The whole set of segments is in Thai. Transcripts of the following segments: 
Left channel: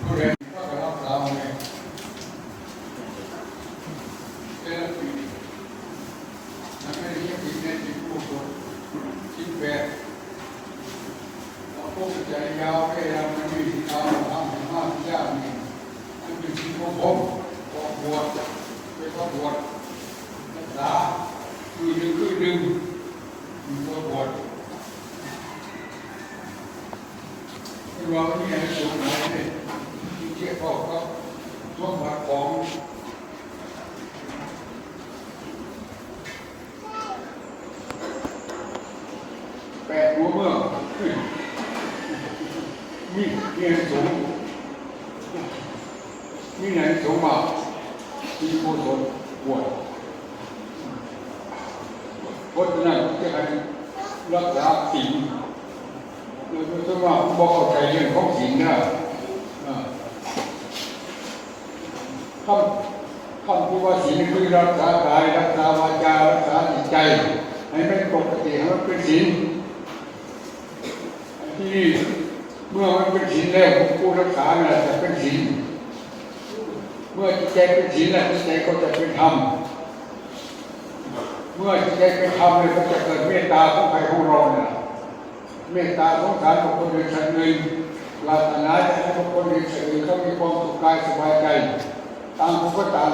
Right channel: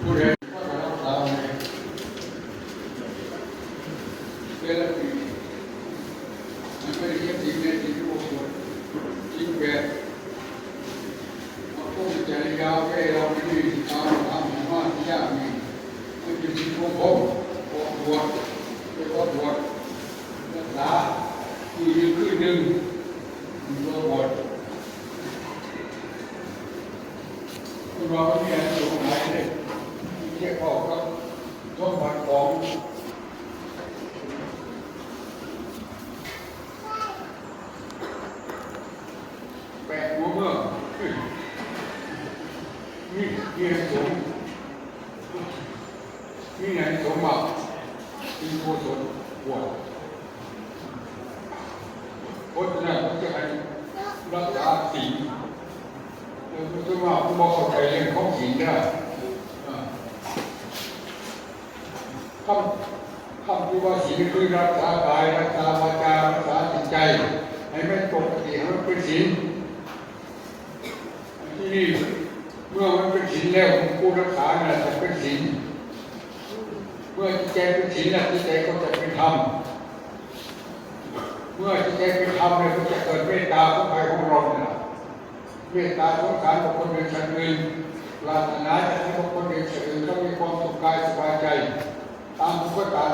ผู้ใดก็ไปรักษาเลยเป็นปีมันเป็นยี่สิบเมตรที่ผู้สุดชิ้นแปดผู้จะยาวไปเราไม่มีที่ทำทำมากที่ยากมีมันอยู่ที่ผู้ผมปวดปวดเป็นปวดปวดรักษาคือมีคือหนึ่งมีปวดปวด ที่ว่าไม่มีอะไรสงสัยเลยเช็คออกก็ต้องมาของ แปดหัวเมื่อเฮ้ยมีมีอะไรสงมีอะไรสงมามีโคตรปวดเพราะฉะนั้นผมจะให้รักษาสิ่ง แล้วก็ว่าผมบอกเข้าใจเรื่องของสิ่งนะอ่าคำคำที่ว่าศีลคือรักษากายรักษาวาจารักษาจิตใจ ให้มันปกติให้มันเป็นศีลที่นี่เมื่อมันเป็นศีลแล้วผู้รักษาน่ะจะเป็นศีลเมื่อจิตใจเป็นศีลแล้วจิตใจก็จะเป็นธรรมเมื่อจิตใจเป็นธรรมเนี่ยก็จะเกิดเมตตาของใครของเราน่ะ เมตตาสงสารบุคคลหนึ่งชั้นหนึ่งปรารถนาจะให้บุคคลหนึ่งสื่อเขามีความสุขกายสบายใจตามผู้ก็ตาม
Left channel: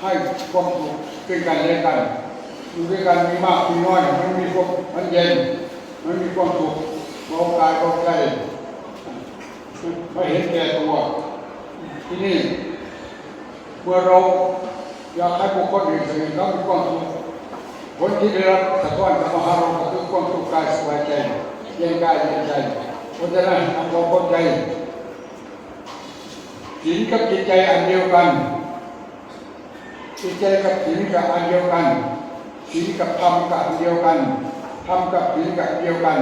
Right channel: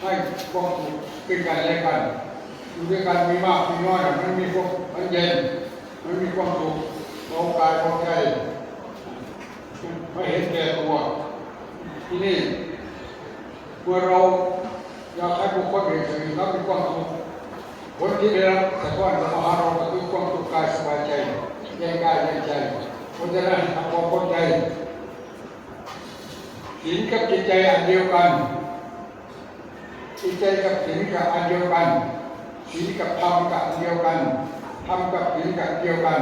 ให้ความสุขเป็นกันและกันอยู่ด้วยกันมีมากมีน้อยมันมีความมันเย็นมันมีความสุขเบากายเบาใจไม่เห็นแก่ตัวที่นี่เมื่อเราอยากให้บุคคลอื่นสิ่งเขามีความสุข คนที่ได้รับสะท้อนกับมหาเราก็คือความสุขกายสบายใจเย็นกายเย็นใจเพราะฉะนั้นทำความเข้าใจศีลกับจิตใจอันเดียวกันจิตใจกับศีลกับอันเดียวกันศีลกับธรรมกับอันเดียวกันธรรมกับศีลกับอันเดียวกัน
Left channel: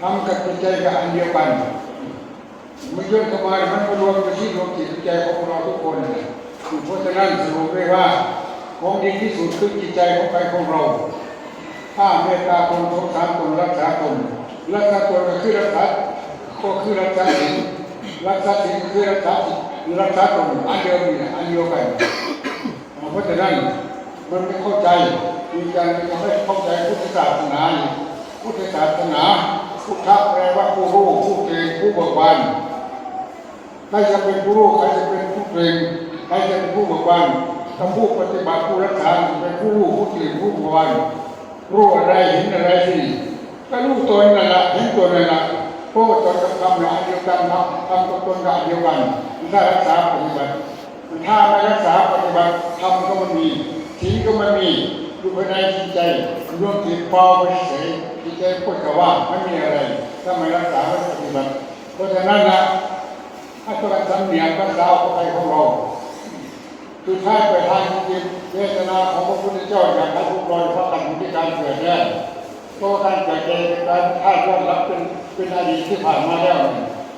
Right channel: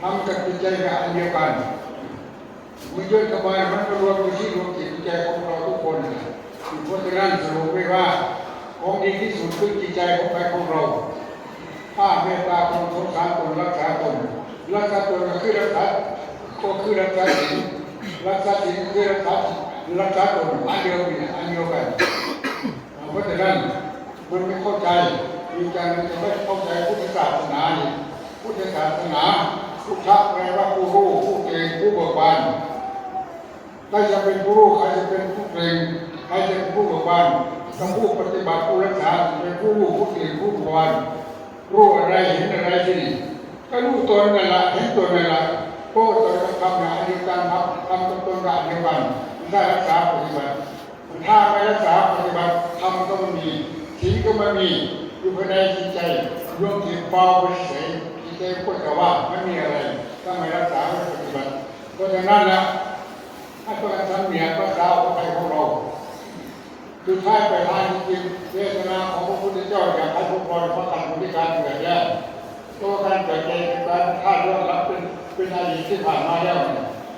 ธรรมกับจิตใจกับอันเดียวกันมันย่นเข้ามามันก็รวมอยู่ที่ดวงจิตใจของเราทุกคนเพราะฉะนั้นสรุปได้ว่า ของดีที่สุดคือจิตใจของใครของเรา ถ้าเมตตาคนสงสารคนรักษาตนรักษาตนก็คือรักษาก็คือรักษาศีลรักษาศีลคือรักษาจิรักษาตนอันเดียวกันอันเดียวกันเพราะฉะนั้นมันไม่เข้าใจมีการจะไม่เข้าใจพุทธศาสนาพุทธศาสนาพุทธะแปลว่าผู้รู้ผู้เก่งผู้เบิกบานใครจะเป็นผู้รู้ใครจะเป็นผู้เก่งใครจะเป็นผู้เบิกบาน ถ้าผู้ปฏิบัติผู้รักษาเป็นผู้รู้ผู้เก่งผู้เบิกบานรู้อะไรเห็นอะไรที่ก็รู้ตนนั่นละเห็นตัวนั่นละพราะว่าตนกับคำละอันเดียวกันทำทำกับตนกับอันเดียวกันได้รักษาปฏิบัติถ้าไม่รักษาปฏิบัติทำก็ไม่มีทิ้งก็ไม่มีอยู่ภายในจิตใจรวมจิตเบาไปเฉยจิตใจพูดแต่ว่าไม่มีอะไร ถ้าไม่รักษาไม่ปฏิบัติเพราะฉะนั้นละถ้าตัวการทำเนียรักษาเข้าไปของเรา คือท้ายไปทางจริงเจตนาของพระพุทธเจ้าอยากให้พวกเราพักกันอยู่ที่การเกิดแย่เพราะว่าการเกิดแย่เป็นการคาดย้อนหลังเป็นเป็นอดีตที่ผ่านมาแล้ว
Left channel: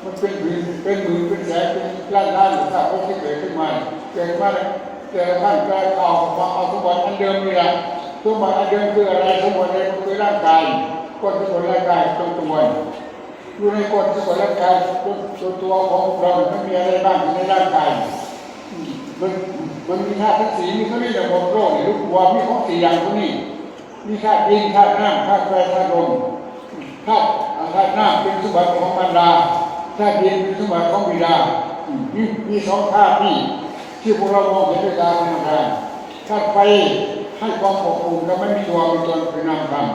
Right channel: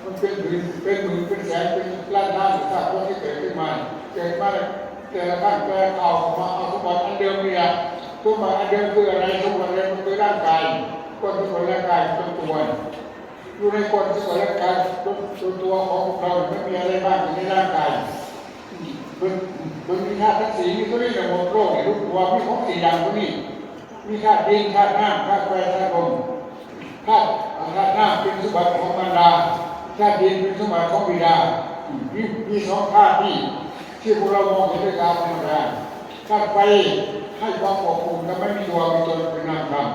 มันเป็นหมื่นเป็นหมื่นเป็นแสนเป็นล้านล้านหรือถ้าคนที่เกิดขึ้นมาเกิดมาเกิดขั้นเกิดข่ามาเอาสมบัติอันเดิมนี่แหละสมบัติอันเดิมคืออะไรสมบัติอะไรมันคือร่างกายก้นสมบัติร่างกายตรงตัวอยู่ในก้นสมบัติร่างกายตัวตัวของเราไม่มีอะไรบ้างอยู่ในร่างกายมัน มันมีธาตุทั้งสี่มีเขาเรียกว่าโลกเนี่ยลูกวัวมีของสี่อย่างพวกนี้ มีธาตุดินธาตุน้ำธาตุไฟธาตุลมธาตุธาตุน้ำเป็นสมบัติของบรรดาธาตุดินเป็นสมบัติของบิดามีมีสองธาตุนี่ที่พวกเรามองเห็นด้วยตาธรรมดาธาตุไฟให้ความอบอุ่นและไม่มีตัวมีตนเป็นนามธรรม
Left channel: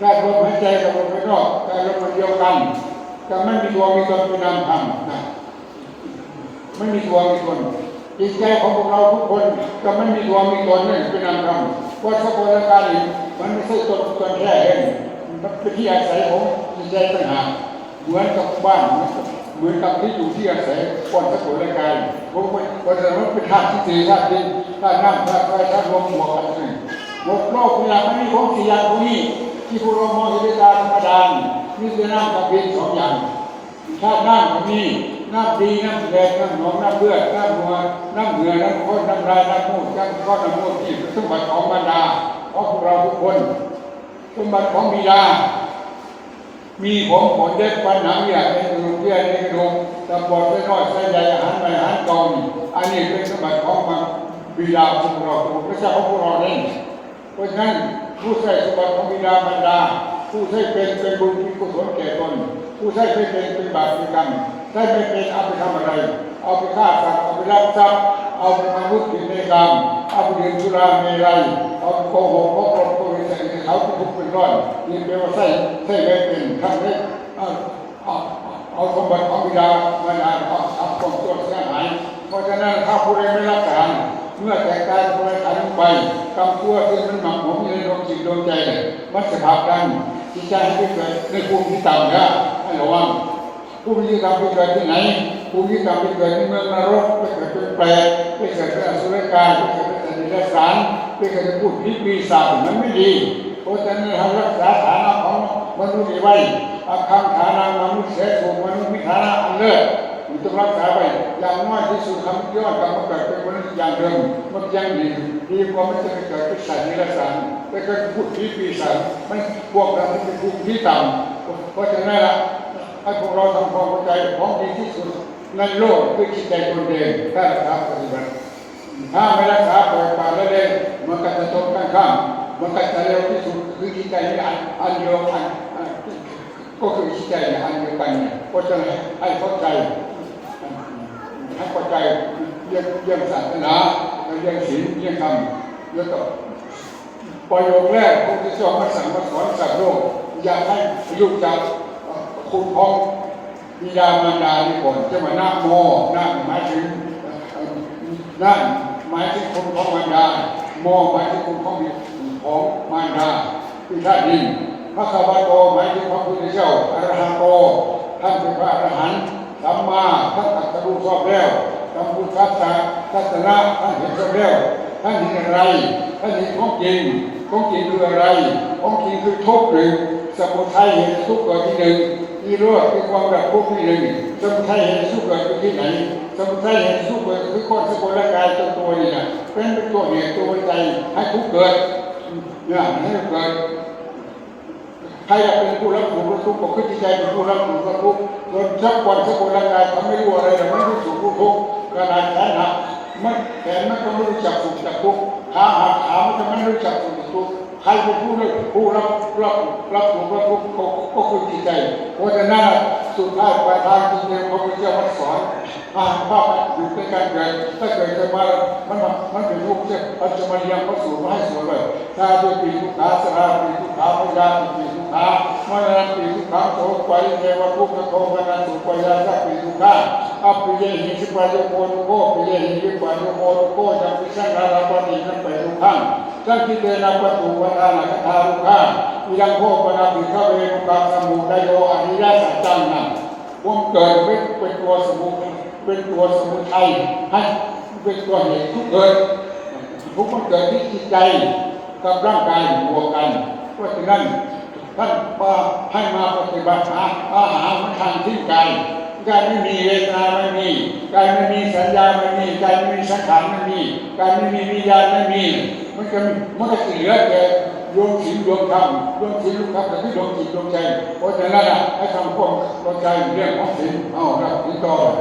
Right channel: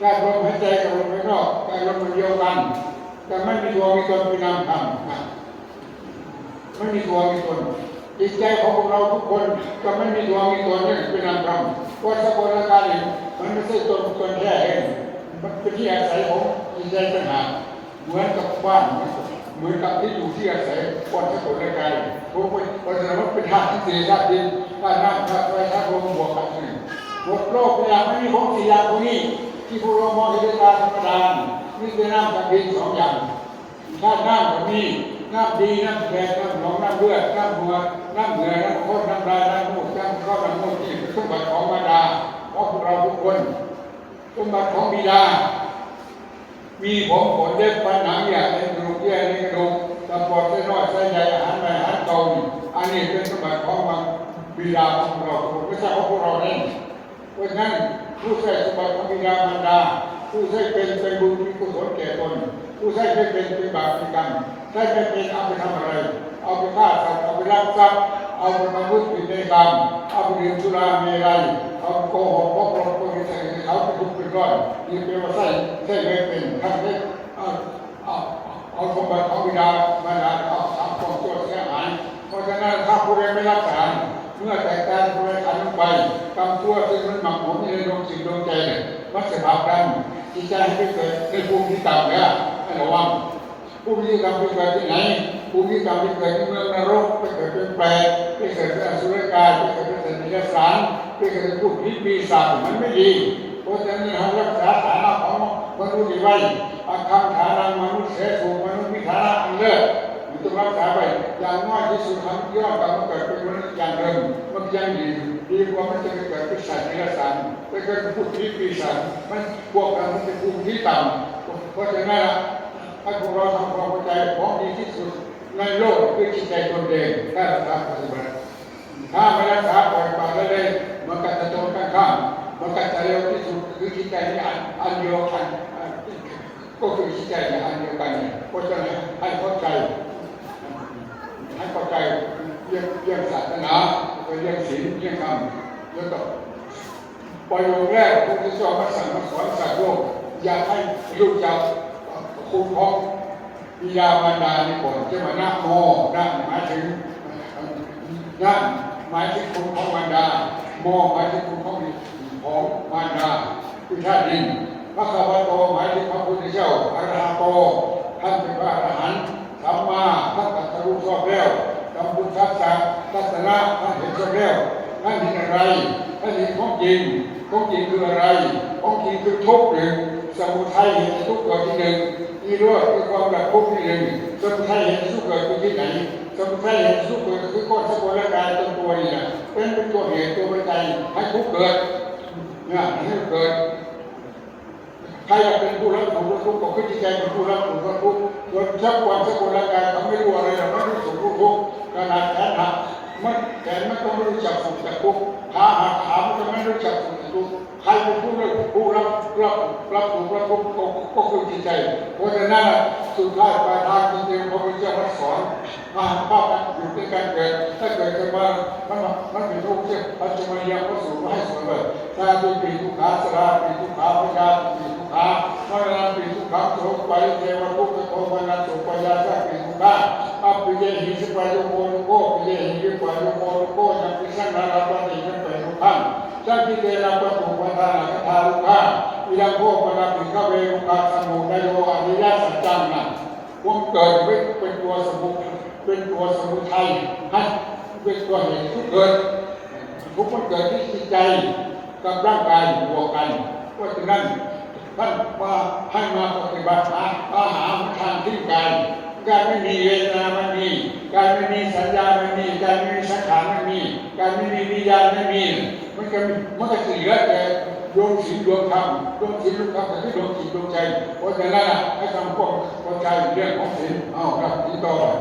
ธาตุลมหายใจกับลมภายนอกธาตุลมเดียวกันแต่ไม่มีตัวมีตนเป็นนามธรรมนะไม่มีตัวมีตน จิตใจของพวกเราทุกคนก็ไม่มีตัวมีตนนี่เป็นนามธรรมเพราะสกุลการนี้มันไม่ใช่ตนตนแท้เองมันเป็นที่อาศัยของจิตใจต่างหากเหมือนกับบ้านเหมือนกับที่อยู่ที่อาศัยคนสกุลกายผมเป็นเพราะฉะนั้นเป็นธาตุที่สี่ธาตุดินธาตุน้ำธาตุไฟธาตุลมบวกกันนี่หมดโลกเวลาไม่มีของสี่อย่างพวกนี้ ที่พวกเรามองเห็นด้วยตาธรรมดานี่คือน้ำกับดินสองอย่างธาตุน้ำก็มีธ น้ำดีน้ำแดงน้ำหนองน้ำเลือดน้ำหัวน้ำเหนื่อน้ำข้นน้ำลายน้ำมูดน้ำก้อนน้ำมูดที่เป็นสมบัติของบรรดาของพวกเราทุกคนสมบัติของบิดา มีผมขนเล็บฟันหนังอยากในกระดูกเยื่อในกระดูกตำบอดไส้น้อยไส้ใหญ่อาหารใหม่อาหารเก่านี่อันนี้เป็นสมบัติของมันบิดาของพวกเราไม่ใช่ของพวกเราเองเพราะฉะนั้นผู้ใช้สมบัติของบิดามารดา ผู้ใช้เป็นเป็นบุญมีกุศลแก่ตนผู้ใช้ไม่เป็นเป็นบาปเป็นกรรม ใช้ไม่เป็นเอาไปทำอะไร เอาไปฆ่าสัตว์เอาไปรักทรัพย์เอาไปทำวุฒิในกรรมเอาไปดื่มสุราเมรัยเอาไปโกหกพกลมโกหิตใส่เขาเป็นทุกข์เป็นร้อนนี่แปลว่าใช้ใช้ไม่เป็นทำให้เอาเอาเอาสมบัติของบิดามารดาเอาทำความชั่วเสียหายเพราะฉะนั้นถ้าผู้ใดไม่รักษาเมื่อแต่งกายผู้ใดขันลงไปกรรมตัวที่มันหมักหมมอยู่ในดวงจิตดวงใจเนี่ยมันจะผลักดันจิตใจให้ไปเกิดในภูมิที่ต่ำนะให้ระวัง ผู้มีกรรมไปเกิดที่ไหนผู้มีกรรมไปเกิดในเมืองนรกไปเกิดเป็นแปรไปเกิดเป็นอสุรกายไปเกิดเป็นสัตว์เดรัจฉานไปเกิดเป็นผู้พิษปีศาจมันไม่ดีเพราะฉะนั้นให้รักษาฐานะของมนุษย์ไว้อาคังฐานะมนุษย์เสสูงมนุษย์มีฐานะอันเลิศมันต้องรักษาไว้อย่างน้อยที่สุดทำยอดกรรมเกิดเป็นมนุษย์อย่างเดิมมันยังดีดีกว่ามันจะไปเกิดเป็นสัตว์เดรัจฉานไปเกิดเป็นผู้พิษปีศาจมันพวกเราเป็นภูมิที่ต่ำเพราะฉะนั้นล่ะ ให้พวกเราทำความเข้าใจของดีที่สุดในโลกคือจิตใจตนเองถ้ารักษาปฏิบัติถ้าไม่รักษาปล่อยปละละเลยมันก็จะตรงกันข้ามมันก็จะเร็วที่สุดคือจิตใจนี่อันอันเดียวกันก็คือจิตใจเนี่ยอันเดียวกันเนี่ยเพราะฉะนั้นให้เข้าใจให้เข้าใจเรื่องเรื่องศาสนาเรื่องศีลเรื่องธรรมเรื่องกับประโยคแรกพระพุทธเจ้ามาสั่งมาสอนสัตว์โลกอยากให้รู้จัก คุณของบิดามารดานี่ก่อนจะมานะโมนะหมายถึงนั่นหมายถึงคุณของมารดาโมหมายถึงคุณของของมารดาคือธาตุดินพระคาวาโตหมายถึงพระพุทธเจ้าอรหันโตท่านเป็นพระอรหันต์สัมมาท่านตรัสรู้ชอบแล้วสัมพุทธัสสะทัศนะท่านเห็นชอบแล้วท่านเห็นอะไรท่านเห็นของจริงของจริงคืออะไรของจริงคือทุกข์หนึ่งสมุทัยเห็นทุกข์เกิดที่หนึ่ง นิโรธคือความดับทุกข์ที่หนึ่งสมุทัยเห็นทุกข์เกิดที่ที่ไหนสมุทัยเห็นทุกข์เกิดคือก้อนสกุลกายตัวตัวนี่นะเป็นเป็นตัวเหตุตัวปัจจัยให้ทุกข์เกิดเนี่ยให้เกิดใครจะเป็นผู้รับผลกรับทุกข์ก็คือจิตใจเป็นผู้รับผลกรับทุกข์ส่วนชักวันสกคนร่างกายเขาไม่รู้อะไรหรอกมันรู้สุขรู้ทุกข์ขนาดแขนหักมันแขนมันก็ไม่รู้จักสุขจักทุกข์ขาหักขามันก็ไม่รู้จักสุขจักทุกข์ ใครเป็นผู้รับผู้รับรับรับผลกระทบก็ก็คือจิตใจ เพราะฉะนั้นสุดท้ายปลายทางจริงๆพระพุทธเจ้ามันสอนอ่านภาพอยู่ในการเกิดถ้าเกิดขึ้นมามันมันเป็นทุกเจ้าปัจจุบันยังพระสูตรมาให้สอนเลยถ้าเป็นปีทุกขาสราปีทุกขาพยาปีทุก ขามรณะปีทุกขังโสไปเทวทุกขโทมนัสสุปยาสัปีทุกขาอัปปิเยหิสิปายโกนุโกปิเยหิสิปายโกนุโกจัมปิสังฆาราปฏิสัมปะทุขังสังคิเตนะปตุปทานะคทาลุขาวิยังโคปนาปิขเวรุกัสมุทโยอริยสัจจังนั้นความเกิดเป็นเป็นตัวสมุเป็นตัวสมุทัยให้เป็นตัวเหตุทุกเกิดทุกมันเกิดที่จิตใจกับร่างกายบวกกันเพราะฉะนั้น ท่านมาให้มาปฏิบัติหาอาหารทางที่กายกายไม่มีเวทนาไม่มีกายไม่มีสัญญาไม่มีกายไม่มีสังขารไม่มีกายไม่มีวิญญาณไม่มี มันก็มันก็เหลือแต่ดวงศีลดวงธรรมดวงศีลดวงธรรมแต่ที่ดวงจิตดวงใจเพราะฉะนั้นนะให้ทำความเข้าใจเรื่องของศีลเอาครับศีลต่อเลย